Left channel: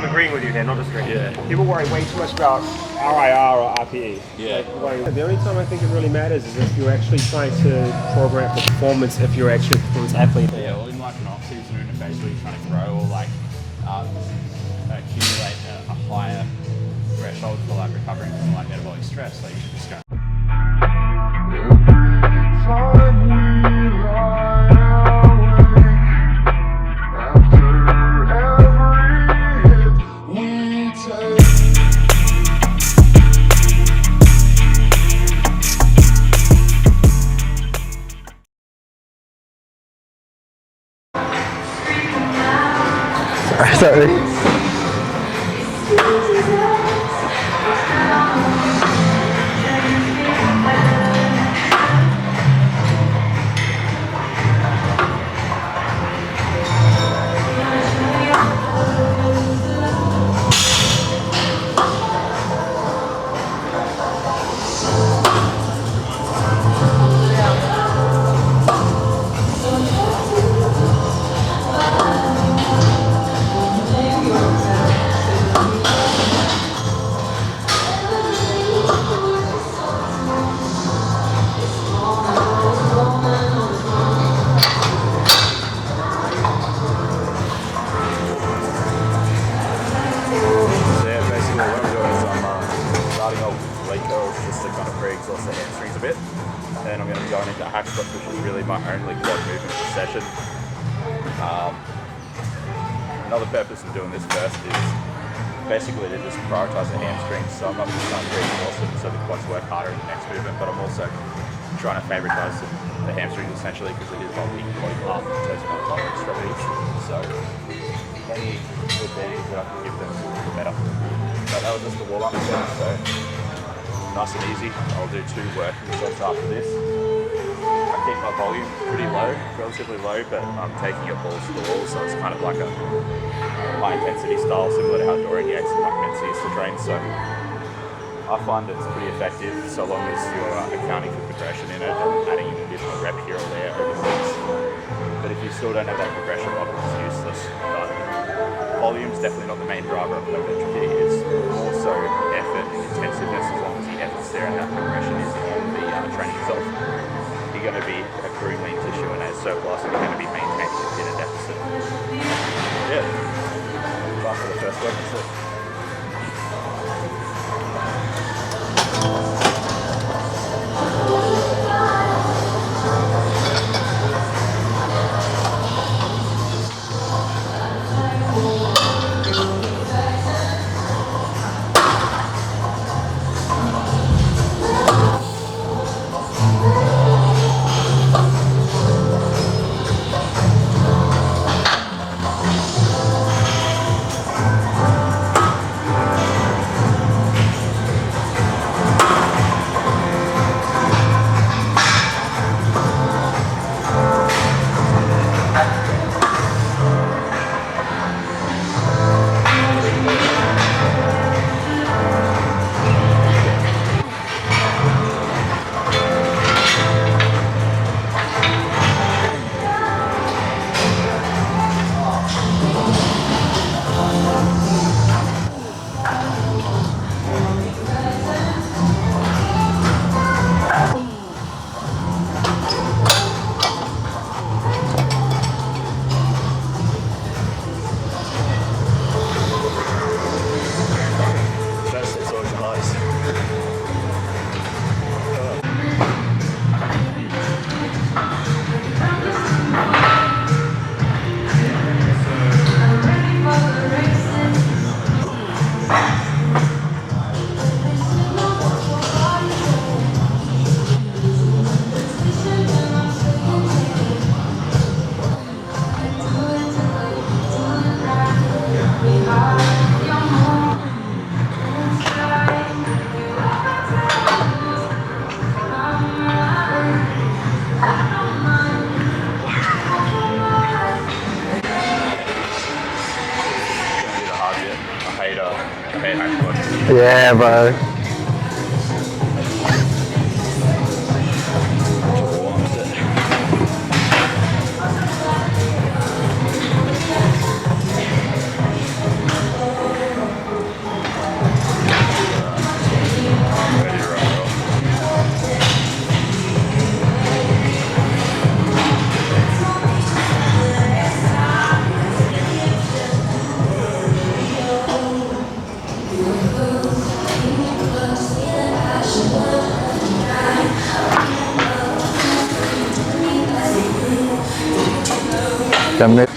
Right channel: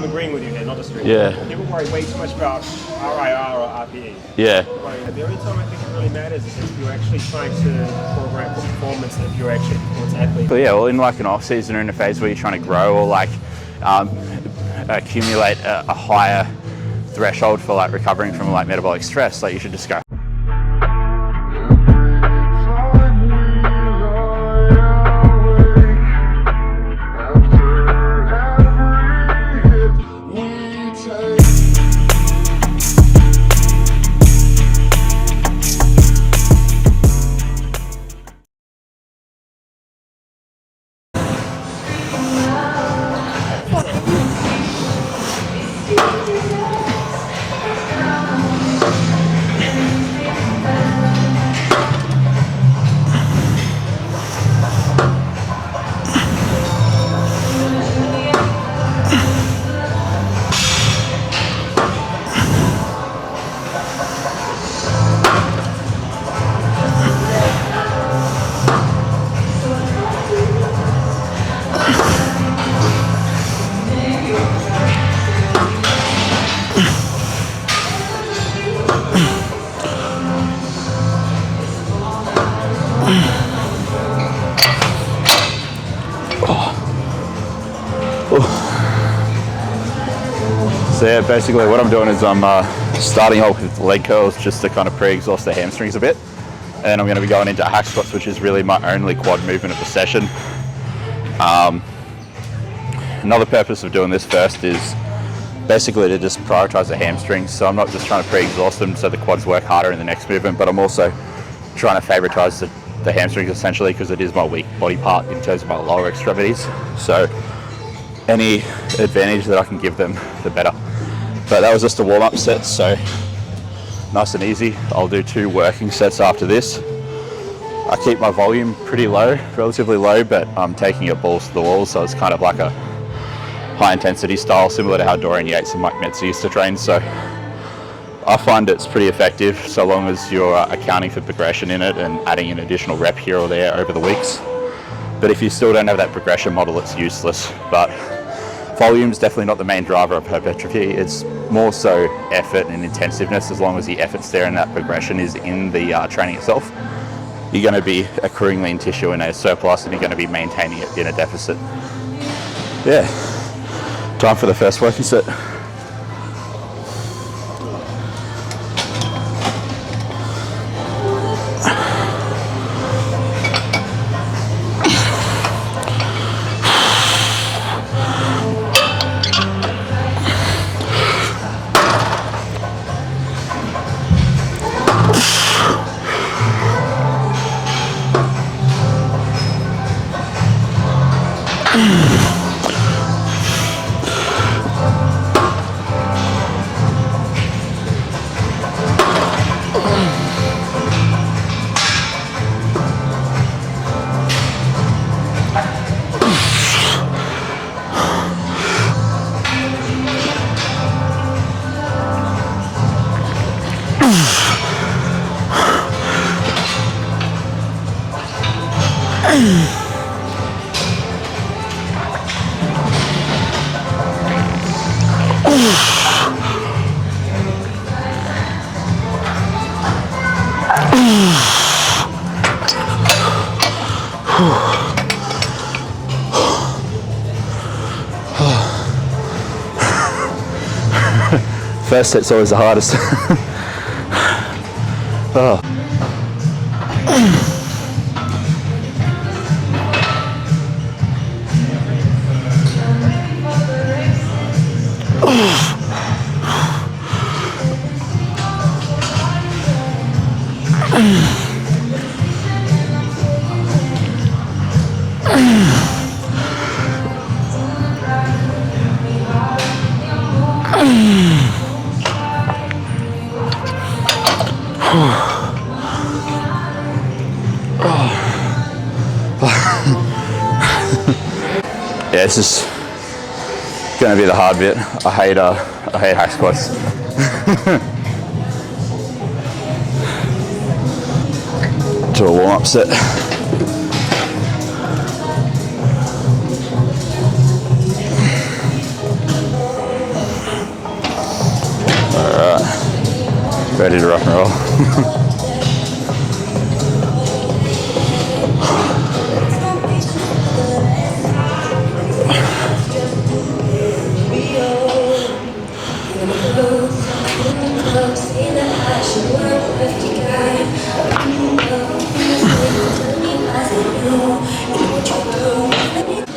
I'm agreeing with you here, not disagreeing. Yeah. People worry way too much about RIR or RPE. Yeah. The only time I think it really matters is if you're actually trying to program for performance, if you're actually a performance athlete. But yeah, well, in like an off season or in a phase where you're trying to grow or like accumulate a higher threshold for like recovering from like metabolic stress, like you should just go. So yeah, basically what I'm doing is I'm starting off with leg curls just to kind of pre-exhaust the hamstrings a bit. And then I'm going to be going into hack squats, which is really my only quad movement of the session. Another purpose of doing this first is basically to just prioritize the hamstrings. So I'm not just trying to pre-exhaust them so the quads work harder in the next movement, but I'm also trying to favoritize the hamstrings essentially because it is my weak body part in terms of my lower extremities. So any advantage that I can give them, the better. But that was just a warm-up set, so nice and easy. I'll do 2 working sets after this. I keep my volume pretty low, relatively low, but I'm taking it balls to the wall, so it's kind of like a high intensity style, similar to how Dorian Yates and Mike Mentzer used to train. So I find it's pretty effective so long as you're accounting for progression in it and adding an additional rep here or there over the weeks. But if you still don't have that progression model, it's useless. But volume's definitely not the main driver of hypertrophy. It's more so effort and intensiveness. As long as the effort's there and that progression is in the training itself, you're going to be accruing lean tissue in a surplus and you're going to be maintaining it in a deficit. Yeah, time for the first working set. First set's always the hardest. Oh. Yeah, this is gonna be the hard bit. I hate hack squats. Yeah, bro. To a warm-up set. ready to rock and roll. Damn it.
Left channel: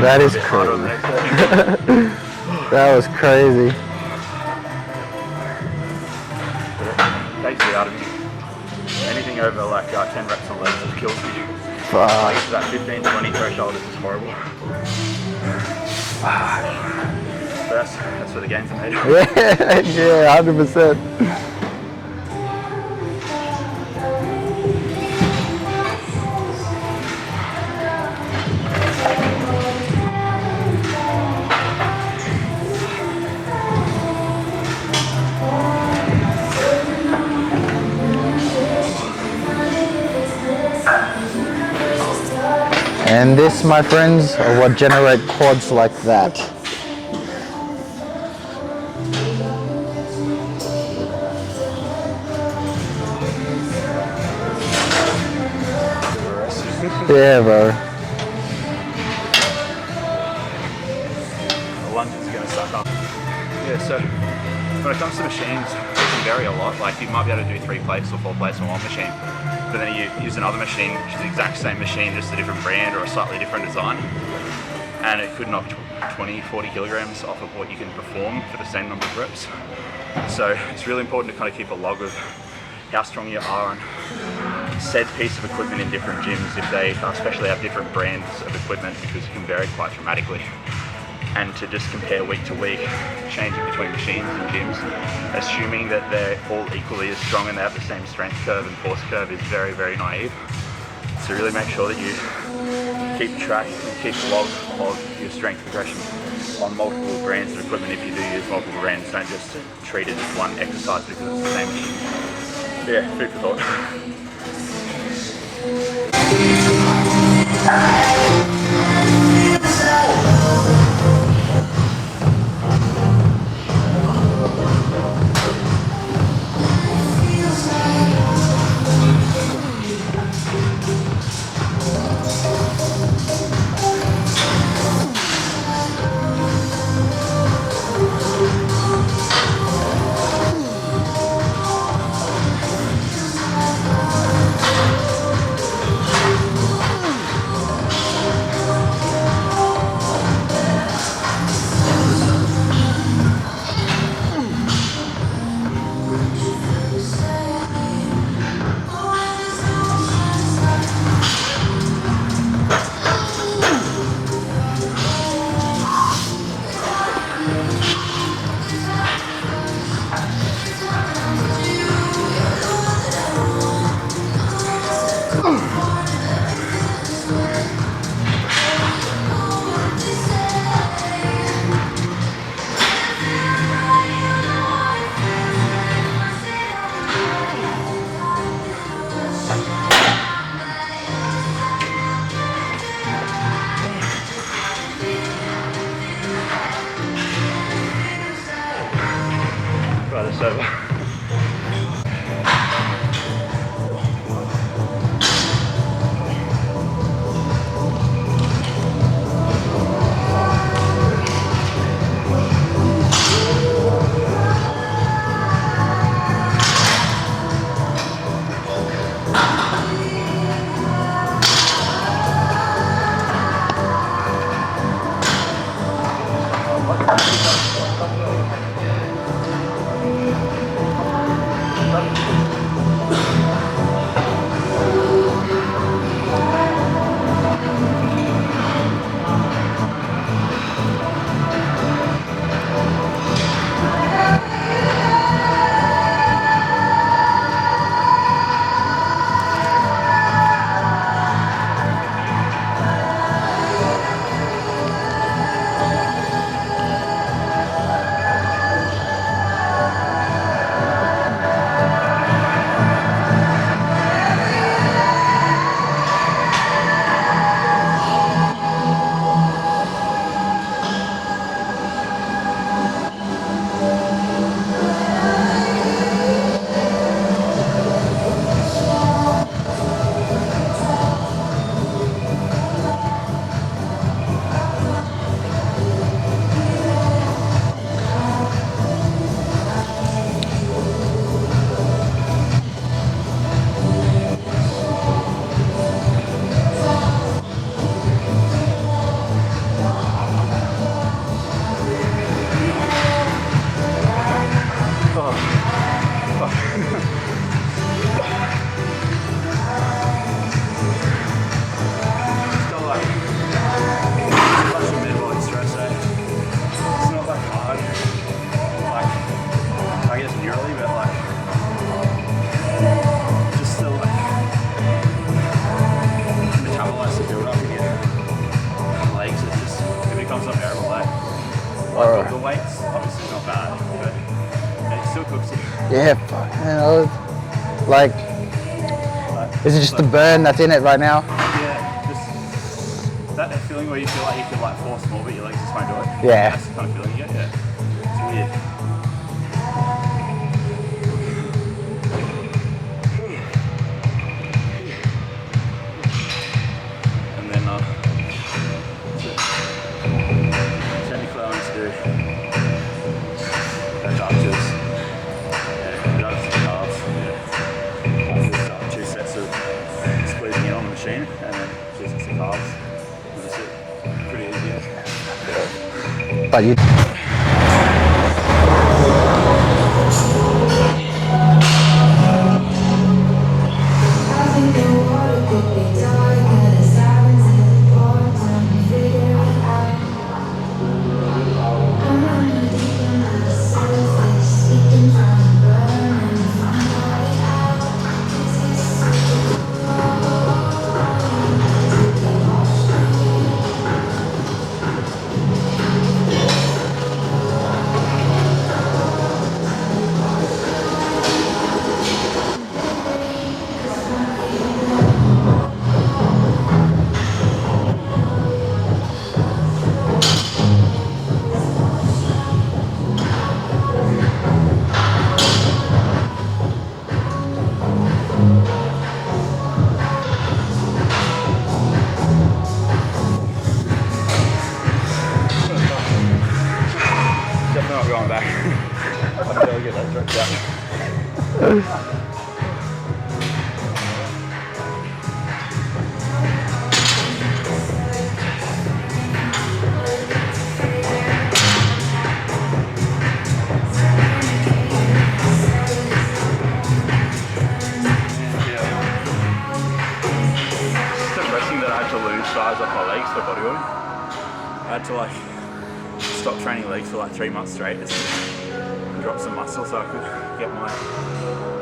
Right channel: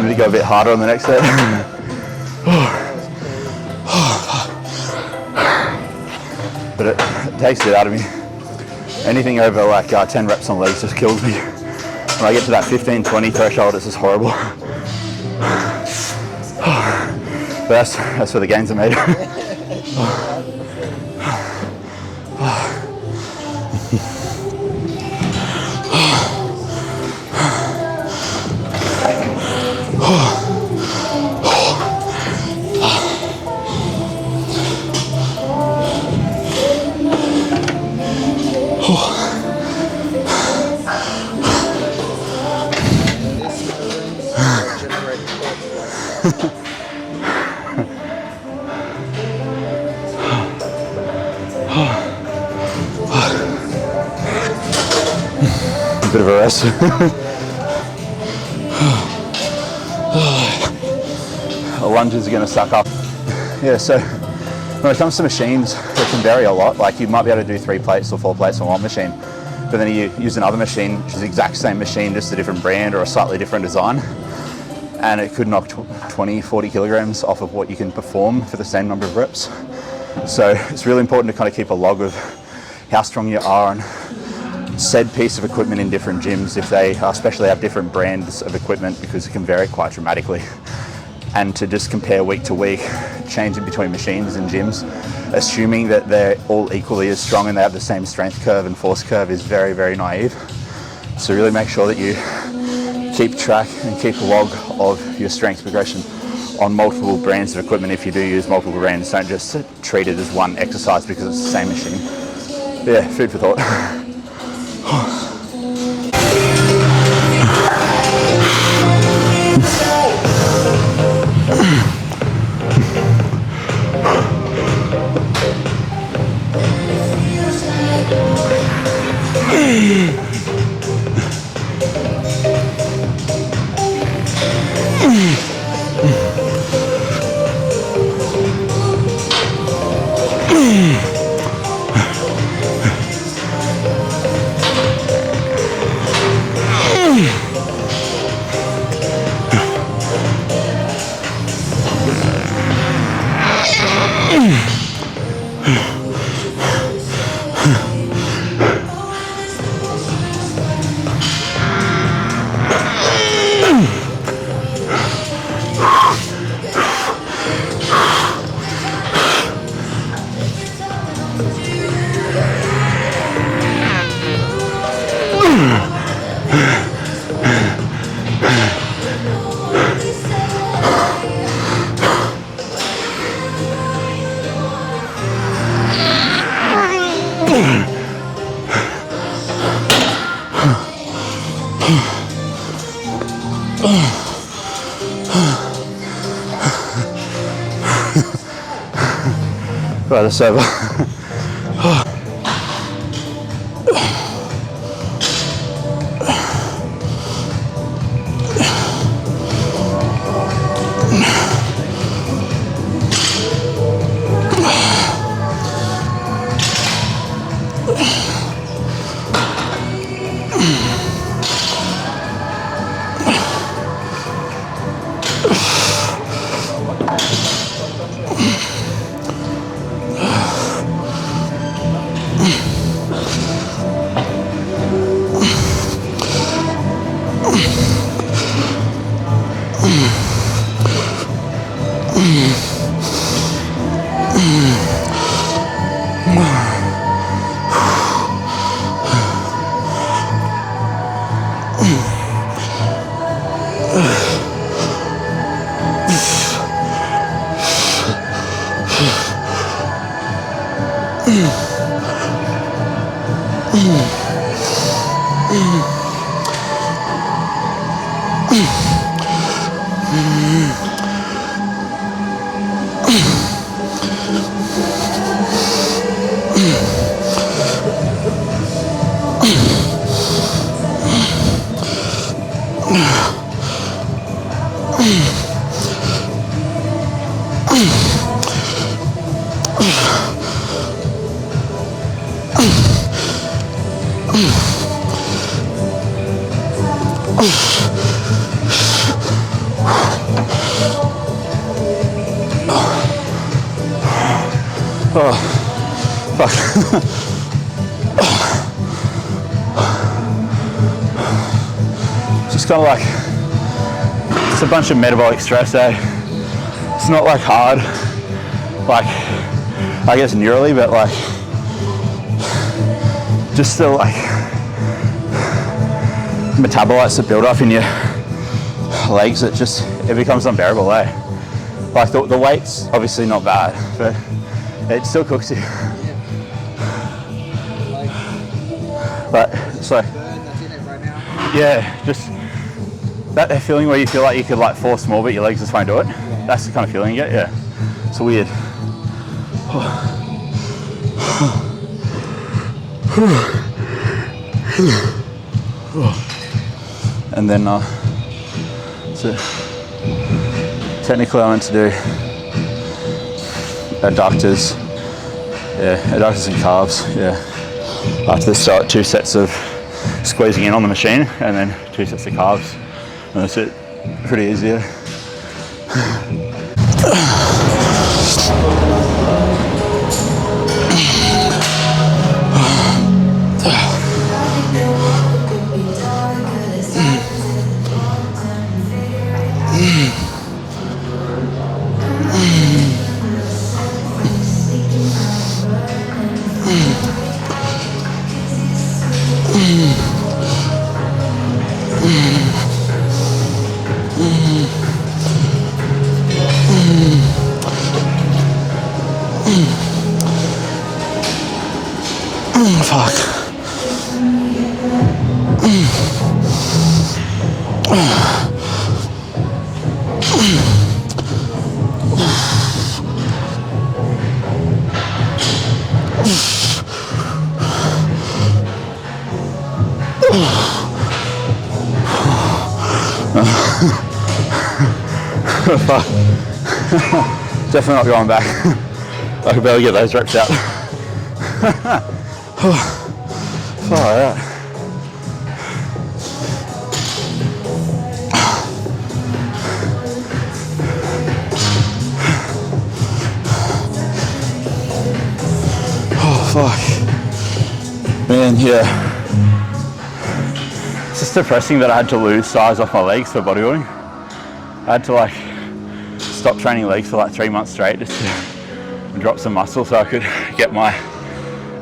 That is a bit harder on the next set. That was crazy. But it takes it out of me. Anything over like 10 reps on legs just kills me. When I get to that 15-20 threshold, it's just horrible. But that's where the gains are made. Yeah, 100%. And this, my friends, are what generate quads like that. Bit of a rest. Yeah, bro. The lunges are going to suck up. Yeah, so when it comes to machines, it can vary a lot. Like you might be able to do 3 plates or 4 plates on one machine, but then you use another machine, which is the exact same machine, just a different brand or a slightly different design. and it could knock 20, 40 kilograms off of what you can perform for the same number of reps. So it's really important to kind of keep a log of how strong you are on said piece of equipment in different gyms, if they especially have different brands of equipment, because it can vary quite dramatically. And to just compare week to week, changing between machines and gyms, assuming that they're all equally as strong and they have the same strength curve and force curve is very, very naive. So really make sure that you keep track and keep a log of your strength progression on multiple brands of equipment. If you do use multiple brands, don't just treat it as one exercise because it's the same machine. Yeah, food for thought. Right, it's over. Oh, fuck. Just kind of like, it's a bunch of metabolic stress, eh? It's not like hard, like, I guess neurally, but like, just the like, metabolites that build up in your legs, it becomes unbearable, eh? Like the weight's obviously not bad, but it still cooks you. Yeah, fuck, you know, like, but is it just the burn that's in it right now? Yeah, just that feeling where you feel like you could like force more, but your legs just won't do it. Yeah. That's the kind of feeling you get, yeah. It's weird. And then, so technically I want to do adductors. Yeah, adductors and calves, yeah. After the start, 2 sets of squeezing in on the machine and then 2 sets of calves. And that's it. pretty easy. Yeah. But you. Fuck. Definitely not going back. I could barely get those reps out. Far out. Oh fuck. Man, yeah. It's just depressing that I had to lose size off my legs for bodybuilding. I had to like stop training legs for like 3 months straight just to drop some muscle so I could get my,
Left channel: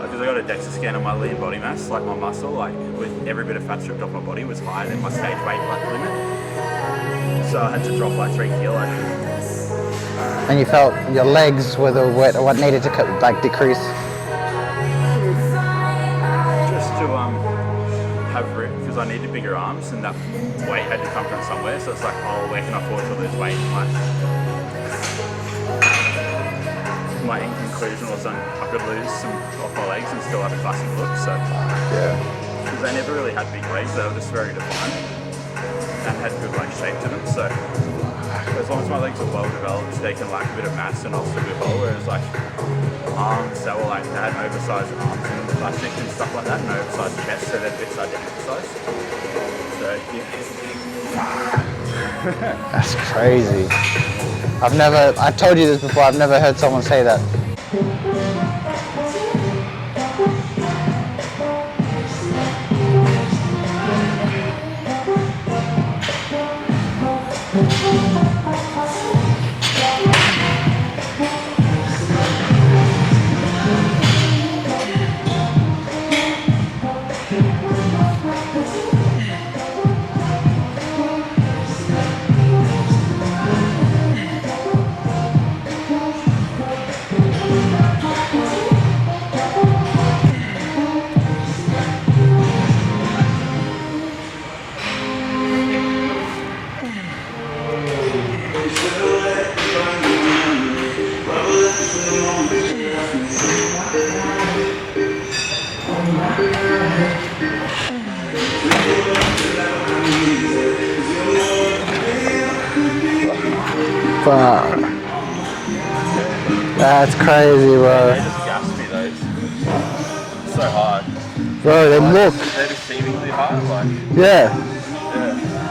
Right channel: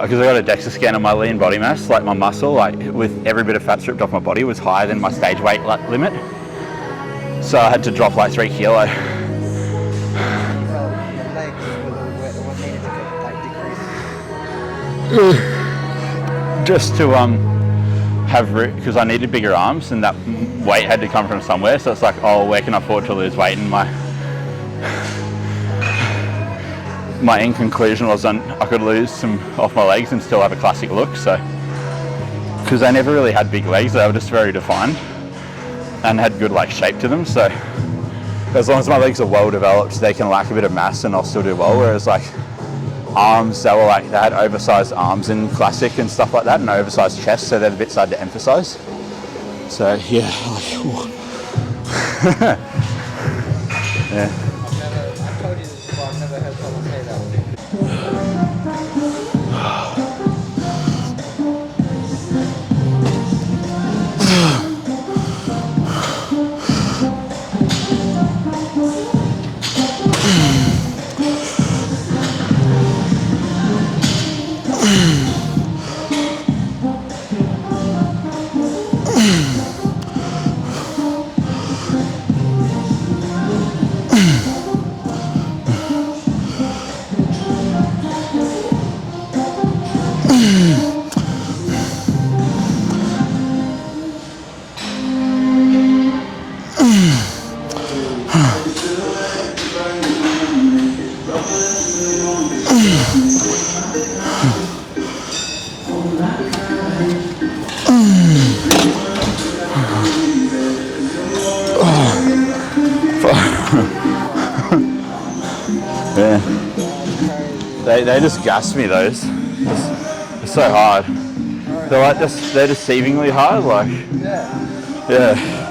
because I got a DEXA scan on my lean body mass, like my muscle, like with every bit of fat stripped off my body was higher than my stage weight limit. So I had to drop like 3 kilo. And you felt your legs were what needed to like decrease? Just to have root, because I needed bigger arms and that weight had to come from somewhere. So it's like, oh, where can I afford to lose weight? And my end conclusion was I could lose some off my legs and still have a classic look. So, because I never really had big legs, they were just very defined and had good like shape to them. So as long as my legs are well developed, they can lack a bit of mass and I'll still do well. Whereas like arms, they were like, they had oversized arms in classic and stuff like that, and oversized chest, so they're a bit hard to emphasize. So yeah. That's crazy. Yeah. I told you this before, I've never heard someone say that. Yeah. That's crazy, bro. They just gas me, those. It's so hard. Bro, They're deceivingly hard, like. Yeah.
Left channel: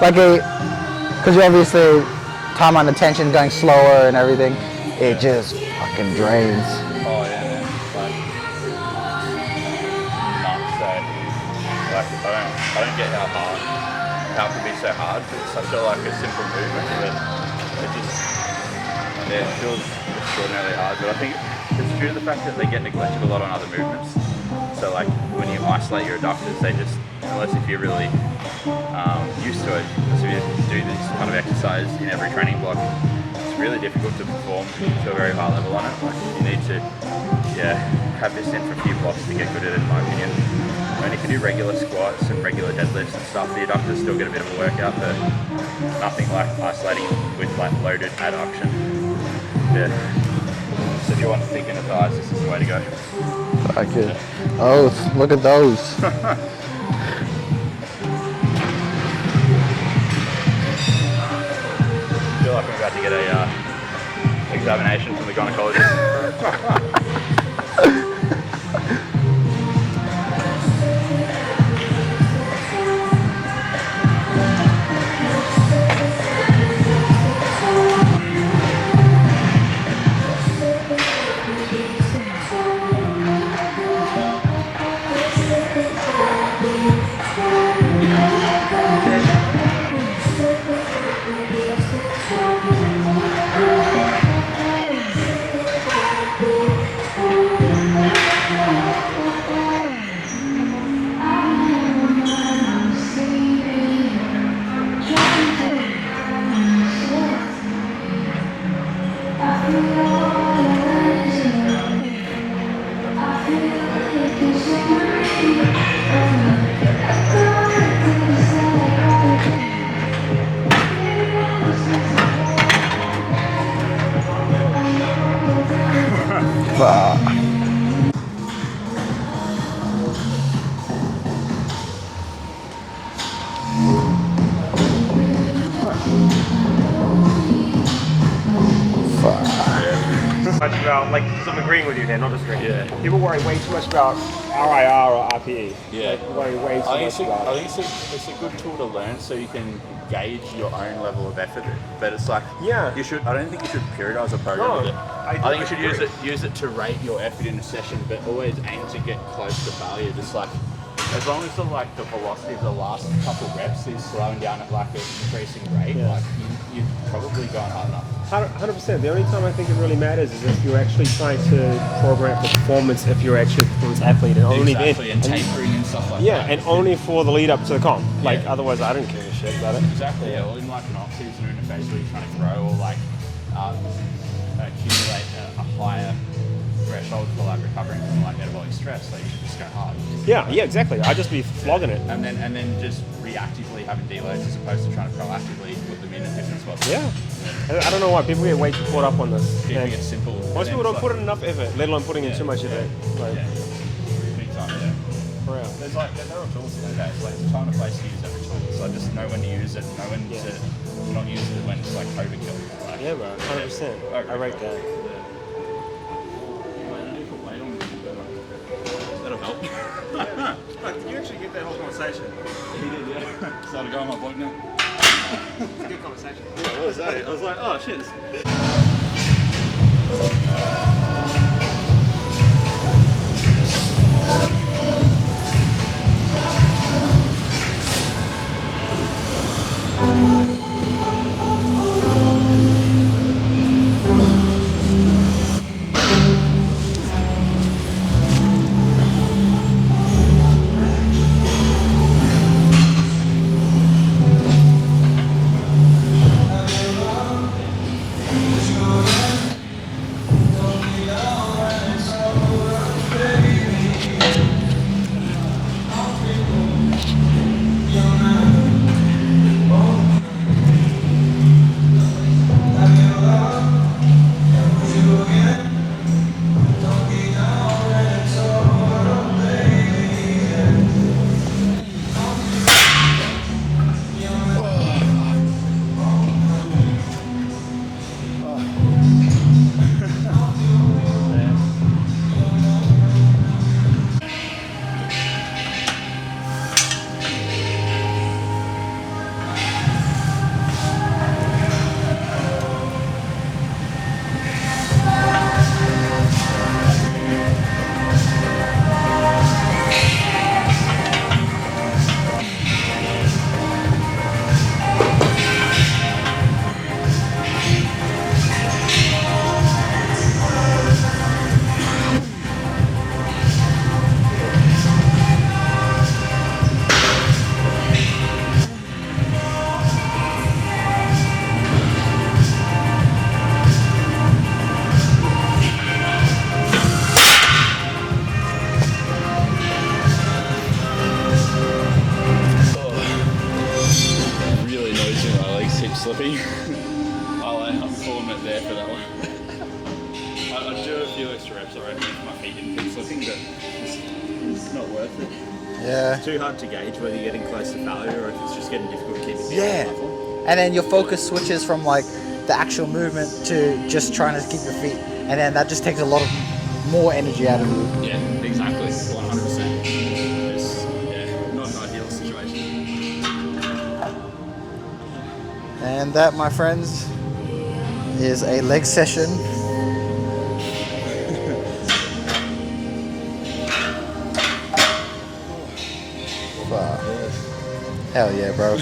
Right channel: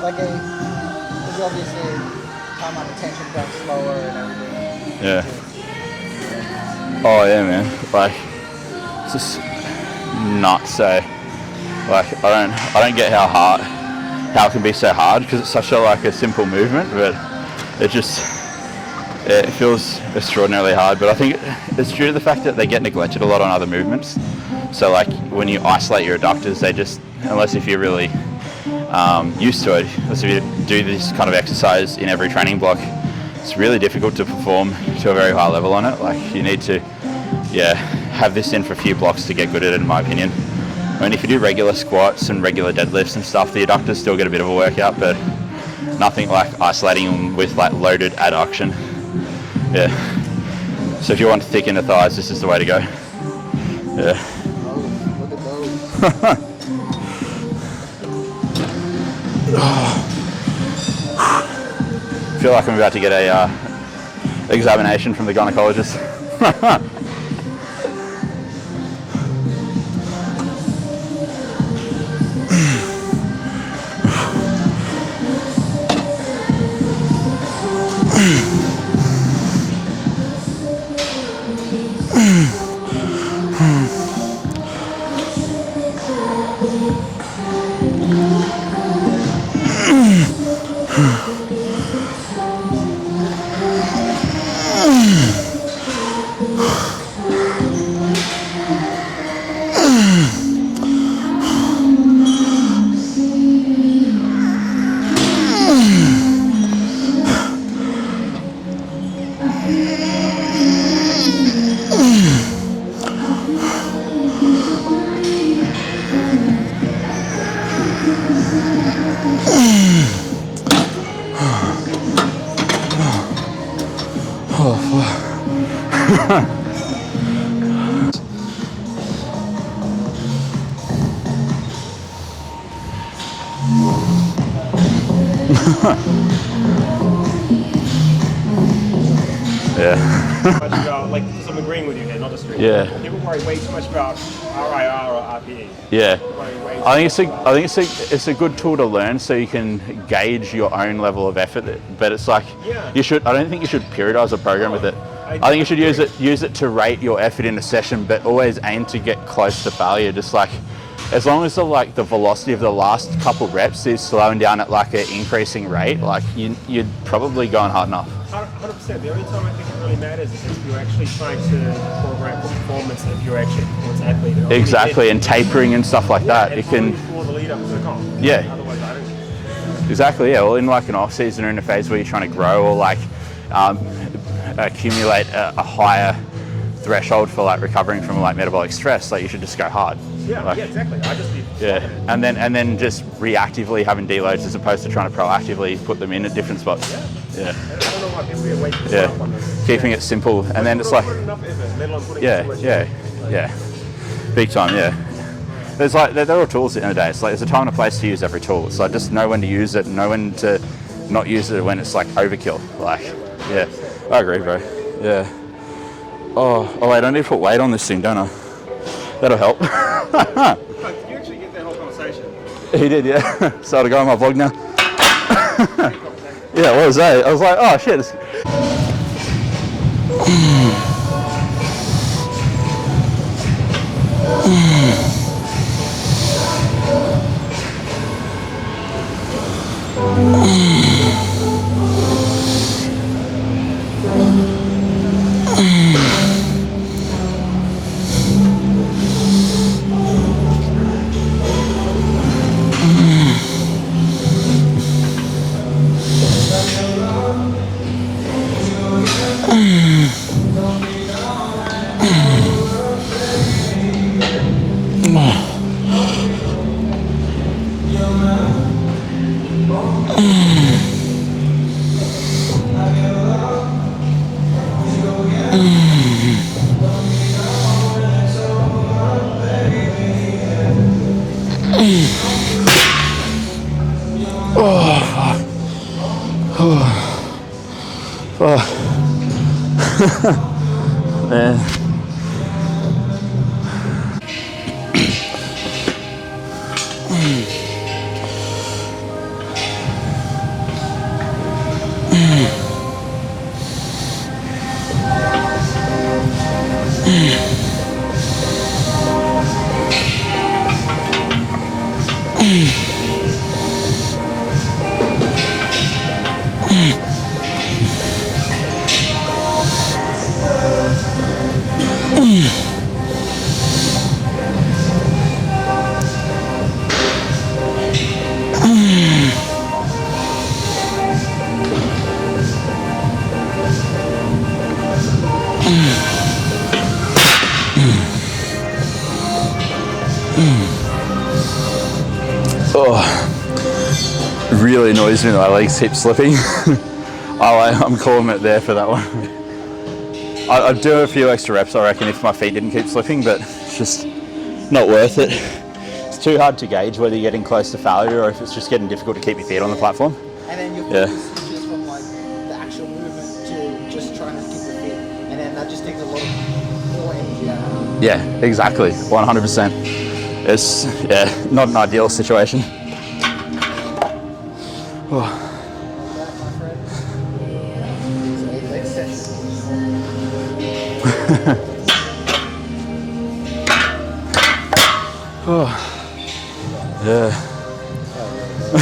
Like, because obviously time under tension going slower and everything, it just fucking drains. Oh yeah, man. Like, it's just nuts. So, like, I don't get how it can be so hard, because it's such a simple movement, but it feels extraordinarily hard. But I think it's due to the fact that they get neglected a lot on other movements. So like when you isolate your adductors, they just, unless if you're really used to it, unless if you do this kind of exercise in every training block, it's really difficult to perform to a very high level on it. Like you need to, have this in for a few blocks to get good at it, in my opinion. I mean, if you do regular squats and regular deadlifts and stuff, the adductors still get a bit of a workout, but nothing like isolating them with like loaded adduction. Yeah. So if you want to thicken the thighs, this is the way to go. Okay. Yeah. Oh, look at those. I feel like I'm about to get a examination from the gynecologist. Yeah. Much about, like, because I'm agreeing with you here, not disagreeing. Yeah. People worry way too much about RIR or RPE. Yeah. Worry way too I much about- think it's a good tool to learn so you can gauge your own level of effort. But it's like Yeah. I don't think you should periodize a program with it. I think you should use it to rate your effort in a session, but always aim to get close to failure. Just like as long as the velocity of the last couple reps is slowing down at like an increasing rate, like you're probably going hard enough. 100%. The only time I think it really matters is if you're actually trying to program for performance, if you're actually a performance athlete. And Exactly, and tapering and stuff like that. And only for the lead up to the comp. Yeah. Like, otherwise, I don't care shit about it. Exactly, yeah. Well, in like an off season or in a phase where you're trying to grow or like accumulate a higher threshold for like recovering from like metabolic stress, like you should just go hard. Yeah, Like, yeah, exactly. I'd just be flogging it. And then just reactively having deloads as opposed to trying to proactively put them in at different spots. Yeah. Yeah. I don't know why people get way too caught up on this. Keeping it simple, and then it's like put enough effort, let alone putting yeah, too much yeah, effort. Like, yeah, big time, yeah. There's like there are tools at the end of the day. It's like there's a time and a place to use every tool. So I just know when to use it, know when to not use it when it's like overkill. Like Yeah, bro, yeah, 100%. I agree, bro. Yeah. Oh wait, I need to put weight on this thing, don't I? That'll help. Did you actually get that whole conversation? He did, yeah. So to go on my vlog now. Great conversation. Yeah, what was that? I was like, oh shit. Man. Really annoys me that my legs keep slipping. I'm calling it there for that one. I'd do a few extra reps, I reckon, if my feet didn't keep slipping, but it's just not worth it. Yeah. It's too hard to gauge whether you're getting close to failure or if it's just getting difficult to keep your feet on the platform. And then your focus switches from like the actual movement to just trying to keep your feet, and then that just takes a lot of more energy out of you. Yeah, exactly, 100%. It's not an ideal situation. And that, my friends, is a leg session. Yeah. Hell yeah, bro.